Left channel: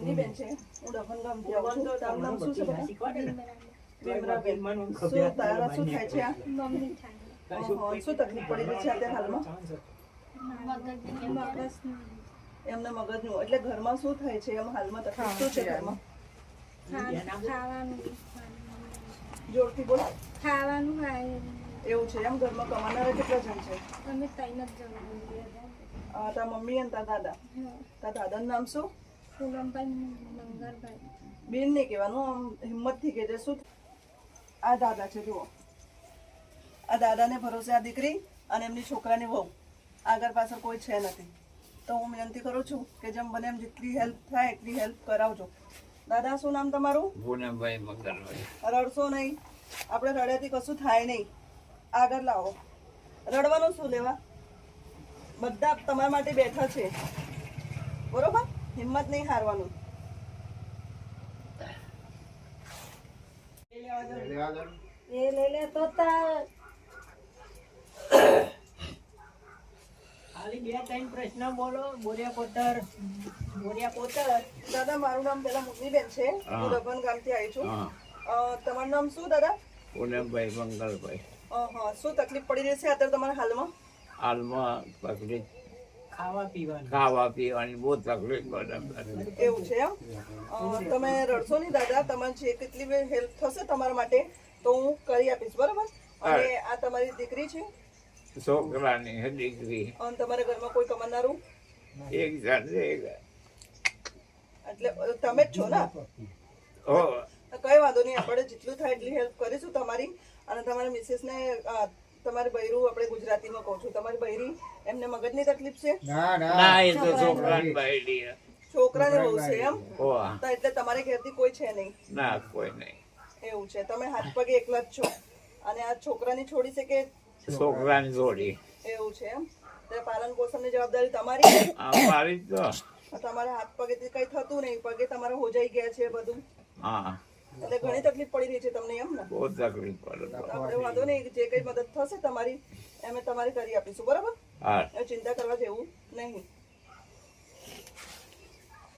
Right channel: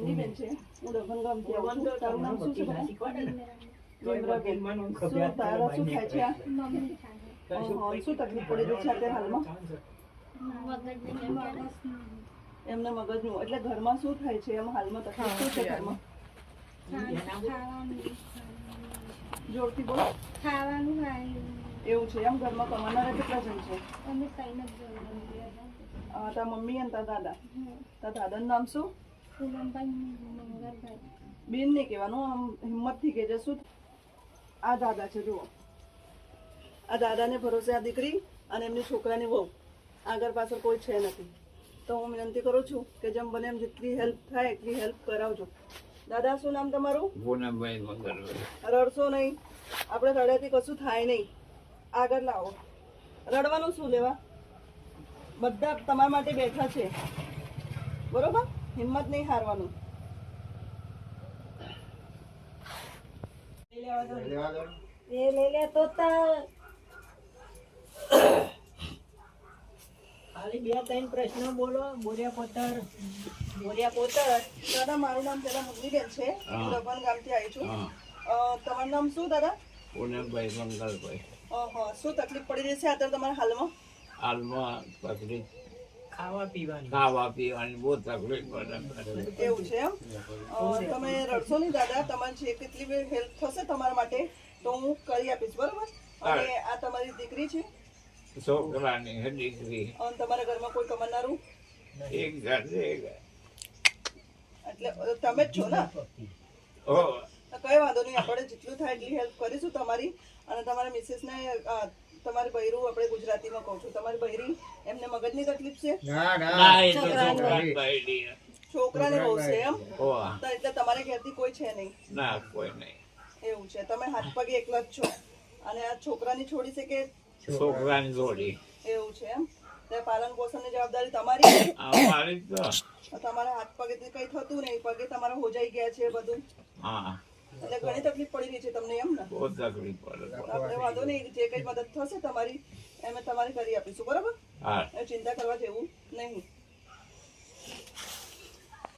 મુન્ની બેન છે, હું દફન ગામથી આવું છું. તારું નામ શું છે બેટા? ભીમરાબેન. શું તારા શું થાય છે આ? શું તકલીફ પડી રહી છે અત્યારે હાલમાં? એમના મગજનું. એટલે ઘરમાં શું થાય છે? એમ હાલમાં તકલીફ શું છે ઘરમાં? જોરથી બોલો. ખાવાનું એવું છે એમ? ઘરમાં કમાનારા કેટલા જણ છે? અમે કઈ નથી તારા મમ્મી અને તારા દાદા. તારા દાદાનું નામ શું? પૂનમભાઈ મંગળભાઈ. બેન નહીં કહેવાનું, આમ હિંમતથી કહેજે. શું આ દાદા છે જુઓ, આ દાદાને ભરોસે આ દીકરી અને એમની છોકરાની વહુ, આગળ પાછળ કોઈ છે નથી. તો હું વિનંતી કરું છું કે જેમ બને એમ જેટલી હેલ્પ થાય એટલી હેલ્પ કરાવજો. દાદા શું નામ તમારું? પૂનમભાઈ મંગળભાઈ. રડશો નહીં, આપણે રડ્યાથી કશું થાય નહીં. આગળ લાવો. રડવાનું શું લેવા? બધા તમારા માટે બેઠા છે, બરોબર? હિંમત નહીં હારવાનું. એ લઈ લે તો ખાલી 2-3 પ્રશ્ન બોલો. બોરિયા પોતર. દાદા મારું નામ પેલા મુન્નીબેન છે, હું દફન ગામથી આવી છું. તમારું નામ શું દાદા? પૂનમભાઈ મંગળભાઈ. શું તકલીફ પડી રહી છે અત્યારે તમારા હાલમાં? હાલમાં તકલીફ ખાવા પીવાની બહુ તકલીફ પડે. એવું છે એમ? તમે રડશો નહીં દાદા. તમારે જે કેટલી હેલ્પ થશે તમારા માટે તો હું કરી આપીશ, બરોબર? અને આ તમારી દીકરી છે, છોકરાની દીકરી અને તમારા ઘરમાં કોઈ કમાનારું? એક સાથે એટલે તમે જ છો ને? કઈ વાંધો નહીં, આપણે જેટલું થાય એટલી હેલ્પ કરીશું તમારી. અને તમારા મિસેસને તમારી બૈરું, આપણે ગુજરાતીમાં કહું છું, તમારી બૈરી એમને મગજની તકલીફ છે? છોકરાને બહુ છે એમ? એટલે તમારે ઘેરથી કોઈ છે નહીં? ના, કોઈ નહીં. એવું છે. તમે હાથ પગે એકલા જ છો અને આ છોકરાની છોડી છે કે છોકરાની જોડી એવું છે એમ? પાલન પોષણની જવાબદારી તમારી? અમારી તો તમારા હાથ પગેથી કઈ થતું નહીં, પગે તમારા હોજાઈ ગયા છે બધું? હા, એટલે ઘણી તકલીફ પડી રહી છે તમને એમ ને? બહુ તકલીફ પડે. આપણે વાંધો નહીં, જે કઈ મદદ થશે તમારી અમે તમારી કરી આપીશું, બરાબર? હા, ચિંતા કરવા જેવું નહીં.